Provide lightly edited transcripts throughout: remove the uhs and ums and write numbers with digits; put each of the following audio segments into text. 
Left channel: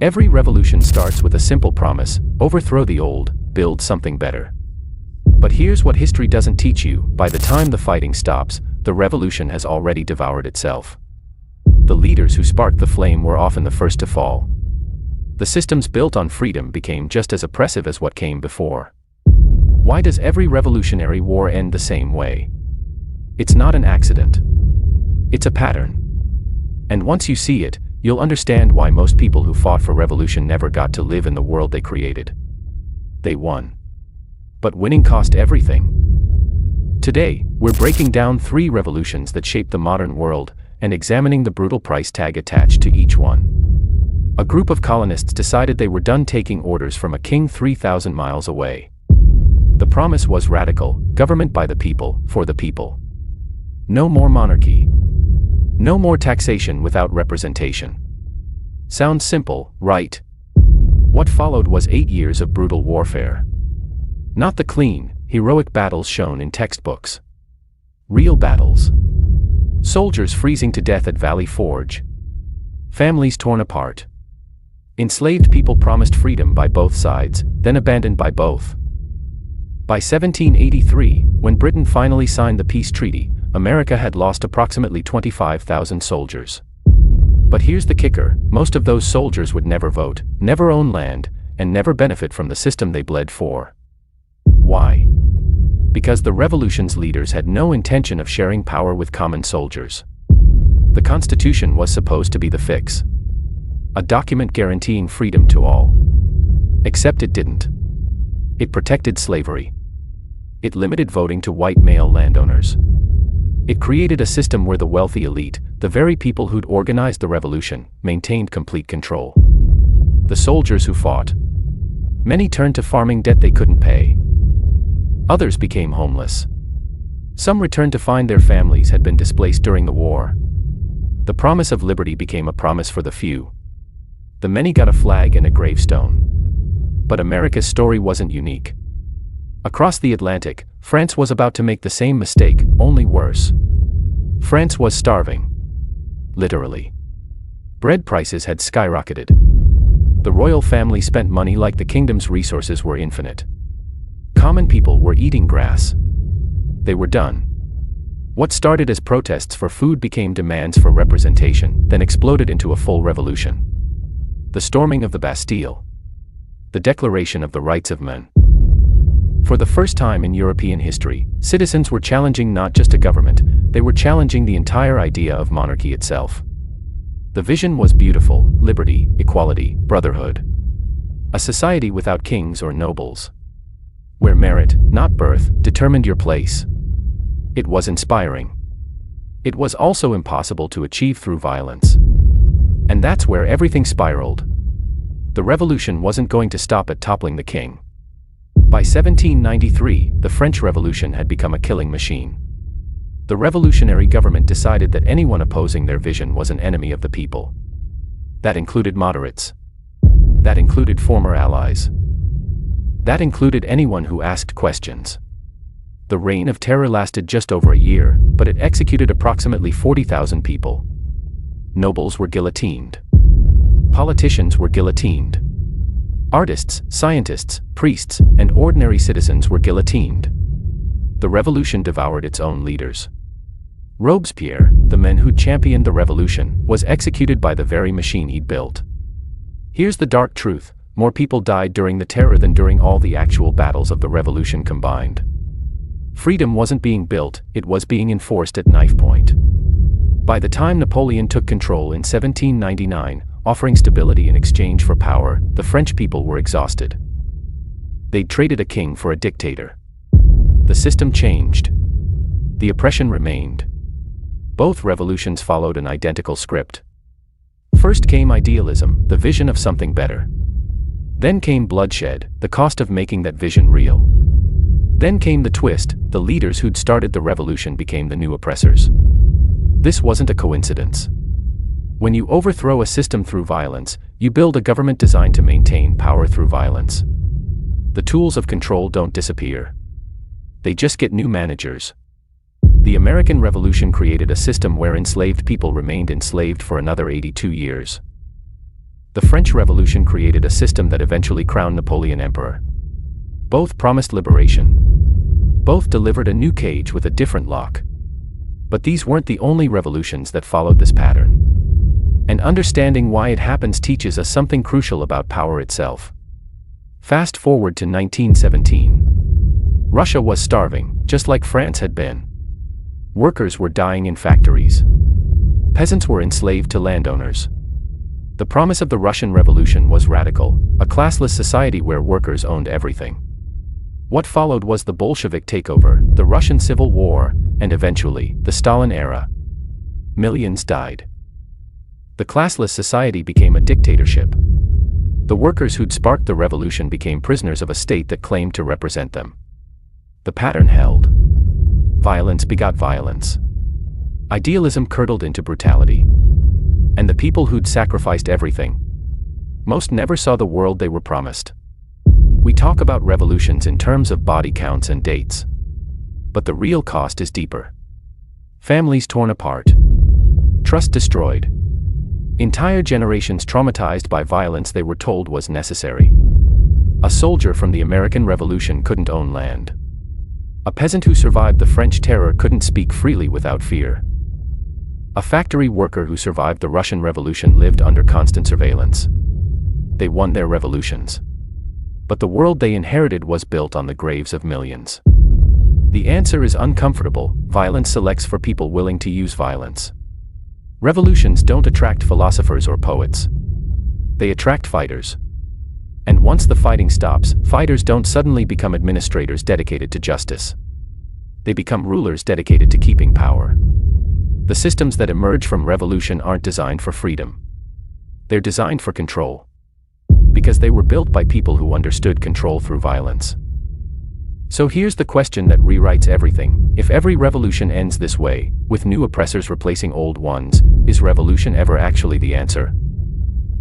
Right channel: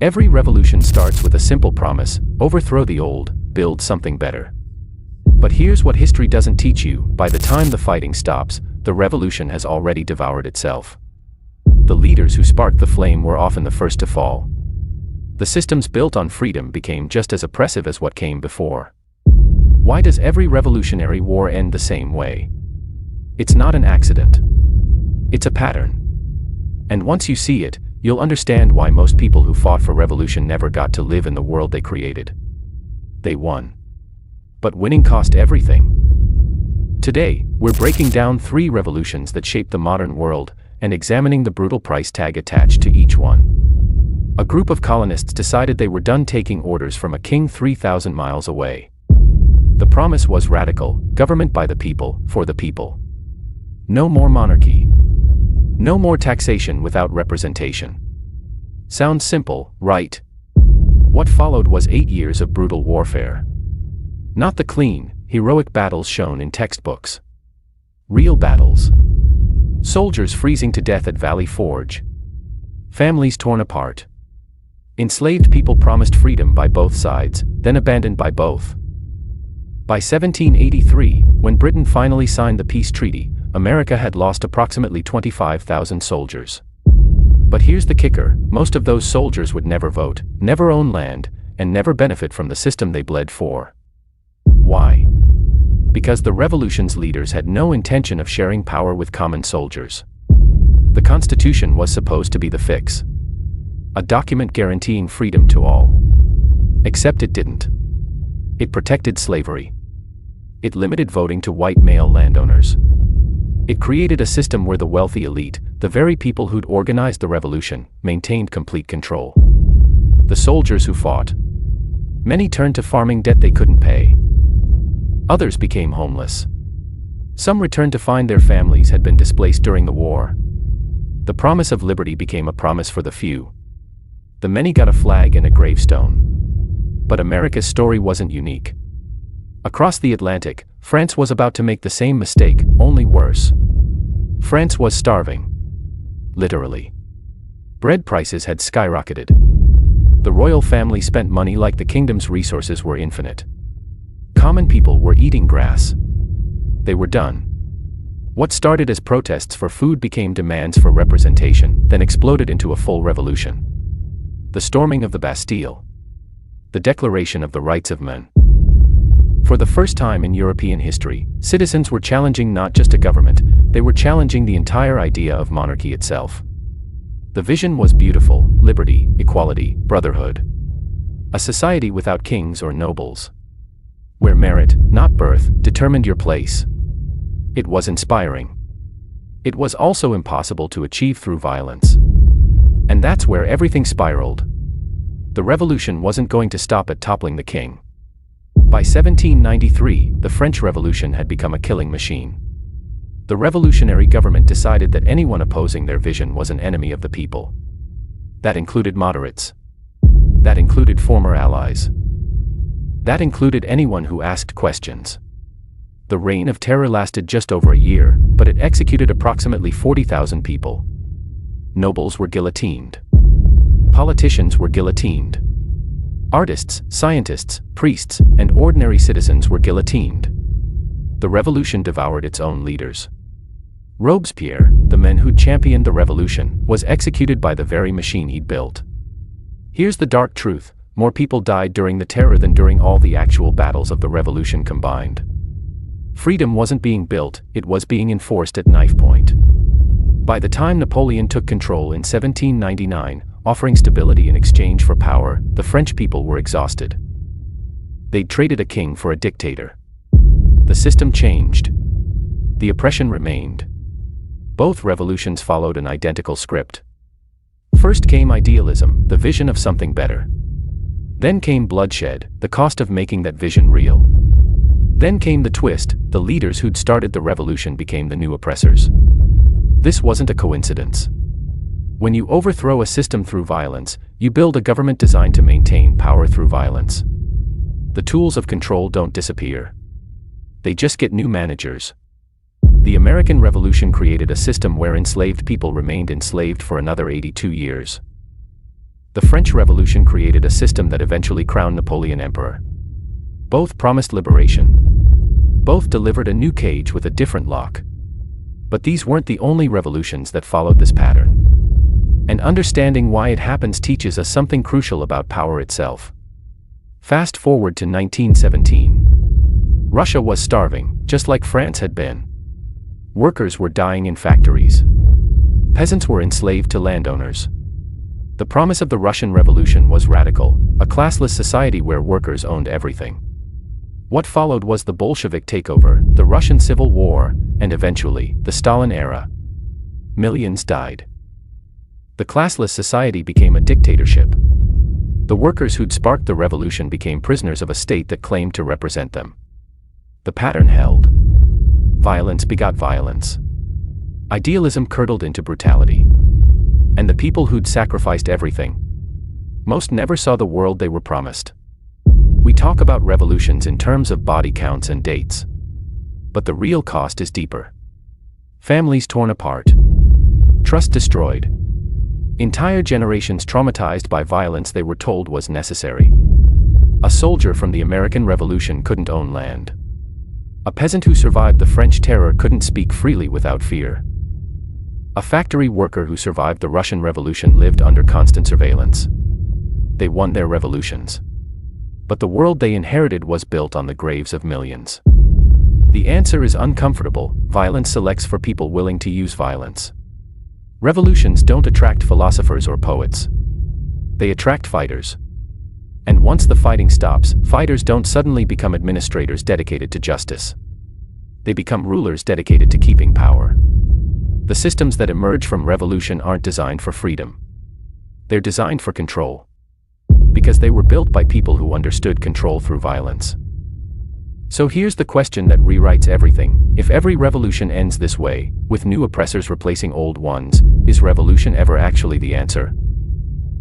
Every revolution starts with a simple promise: overthrow the old, build something better. But here's what history doesn't teach you: by the time the fighting stops, the revolution has already devoured itself. The leaders who sparked the flame were often the first to fall. The systems built on freedom became just as oppressive as what came before. Why does every revolutionary war end the same way? It's not an accident. It's a pattern. And once you see it, you'll understand why most people who fought for revolution never got to live in the world they created. They won. But winning cost everything. Today, we're breaking down 3 revolutions that shaped the modern world and examining the brutal price tag attached to each one. A group of colonists decided they were done taking orders from a king 3,000 miles away. The promise was radical: government by the people, for the people. No more monarchy. No more taxation without representation. Sounds simple, right? What followed was 8 years of brutal warfare. Not the clean, heroic battles shown in textbooks. Real battles. Soldiers freezing to death at Valley Forge. Families torn apart. Enslaved people promised freedom by both sides, then abandoned by both. By 1783, when Britain finally signed the peace treaty, America had lost approximately 25,000 soldiers. But here's the kicker: most of those soldiers would never vote, never own land, and never benefit from the system they bled for. Why? Because the revolution's leaders had no intention of sharing power with common soldiers. The Constitution was supposed to be the fix. A document guaranteeing freedom to all. Except it didn't. It protected slavery. It limited voting to white male landowners. It created a system where the wealthy elite, the very people who'd organized the revolution, maintained complete control. The soldiers who fought. Many turned to farming debt they couldn't pay. Others became homeless. Some returned to find their families had been displaced during the war. The promise of liberty became a promise for the few. The many got a flag and a gravestone. But America's story wasn't unique. Across the Atlantic, France was about to make the same mistake, only worse. France was starving. Literally. Bread prices had skyrocketed. The royal family spent money like the kingdom's resources were infinite. Common people were eating grass. They were done. What started as protests for food became demands for representation, then exploded into a full revolution. The storming of the Bastille. The Declaration of the Rights of Men. For the first time in European history, citizens were challenging not just a government, they were challenging the entire idea of monarchy itself. The vision was beautiful: liberty, equality, brotherhood. A society without kings or nobles. Where merit, not birth, determined your place. It was inspiring. It was also impossible to achieve through violence. And that's where everything spiraled. The revolution wasn't going to stop at toppling the king. By 1793, the French Revolution had become a killing machine. The revolutionary government decided that anyone opposing their vision was an enemy of the people. That included moderates. That included former allies. That included anyone who asked questions. The reign of terror lasted just over a year, but it executed approximately 40,000 people. Nobles were guillotined. Politicians were guillotined. Artists, scientists, priests, and ordinary citizens were guillotined. The revolution devoured its own leaders. Robespierre, the man who championed the revolution, was executed by the very machine he'd built. Here's the dark truth: more people died during the terror than during all the actual battles of the revolution combined. Freedom wasn't being built, it was being enforced at knife point. By the time Napoleon took control in 1799, offering stability in exchange for power, the French people were exhausted. They'd traded a king for a dictator. The system changed. The oppression remained. Both revolutions followed an identical script. First came idealism, the vision of something better. Then came bloodshed, the cost of making that vision real. Then came the twist: the leaders who'd started the revolution became the new oppressors. This wasn't a coincidence. When you overthrow a system through violence, you build a government designed to maintain power through violence. The tools of control don't disappear. They just get new managers. The American Revolution created a system where enslaved people remained enslaved for another 82 years. The French Revolution created a system that eventually crowned Napoleon emperor. Both promised liberation. Both delivered a new cage with a different lock. But these weren't the only revolutions that followed this pattern. And understanding why it happens teaches us something crucial about power itself. Fast forward to 1917. Russia was starving, just like France had been. Workers were dying in factories. Peasants were enslaved to landowners. The promise of the Russian Revolution was radical, a classless society where workers owned everything. What followed was the Bolshevik takeover, the Russian Civil War, and eventually, the Stalin era. Millions died. The classless society became a dictatorship. The workers who'd sparked the revolution became prisoners of a state that claimed to represent them. The pattern held. Violence begot violence. Idealism curdled into brutality. And the people who'd sacrificed everything, most never saw the world they were promised. We talk about revolutions in terms of body counts and dates. But the real cost is deeper. Families torn apart. Trust destroyed. Entire generations traumatized by violence they were told was necessary. A soldier from the American Revolution couldn't own land. A peasant who survived the French Terror couldn't speak freely without fear. A factory worker who survived the Russian Revolution lived under constant surveillance. They won their revolutions. But the world they inherited was built on the graves of millions. The answer is uncomfortable. Violence selects for people willing to use violence. Revolutions don't attract philosophers or poets. They attract fighters. And once the fighting stops, fighters don't suddenly become administrators dedicated to justice. They become rulers dedicated to keeping power. The systems that emerge from revolution aren't designed for freedom. They're designed for control. Because they were built by people who understood control through violence. So here's the question that rewrites everything. If every revolution ends this way, with new oppressors replacing old ones, is revolution ever actually the answer?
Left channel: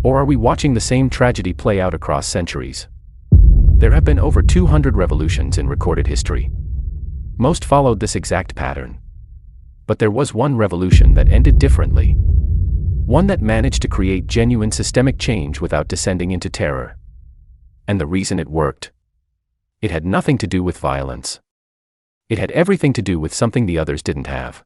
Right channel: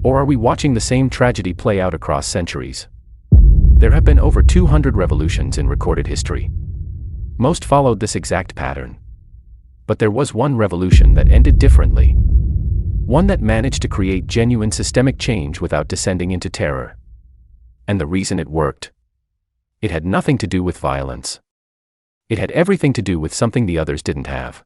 Or are we watching the same tragedy play out across centuries? There have been over 200 revolutions in recorded history. Most followed this exact pattern. But there was one revolution that ended differently. One that managed to create genuine systemic change without descending into terror. And the reason it worked? It had nothing to do with violence. It had everything to do with something the others didn't have.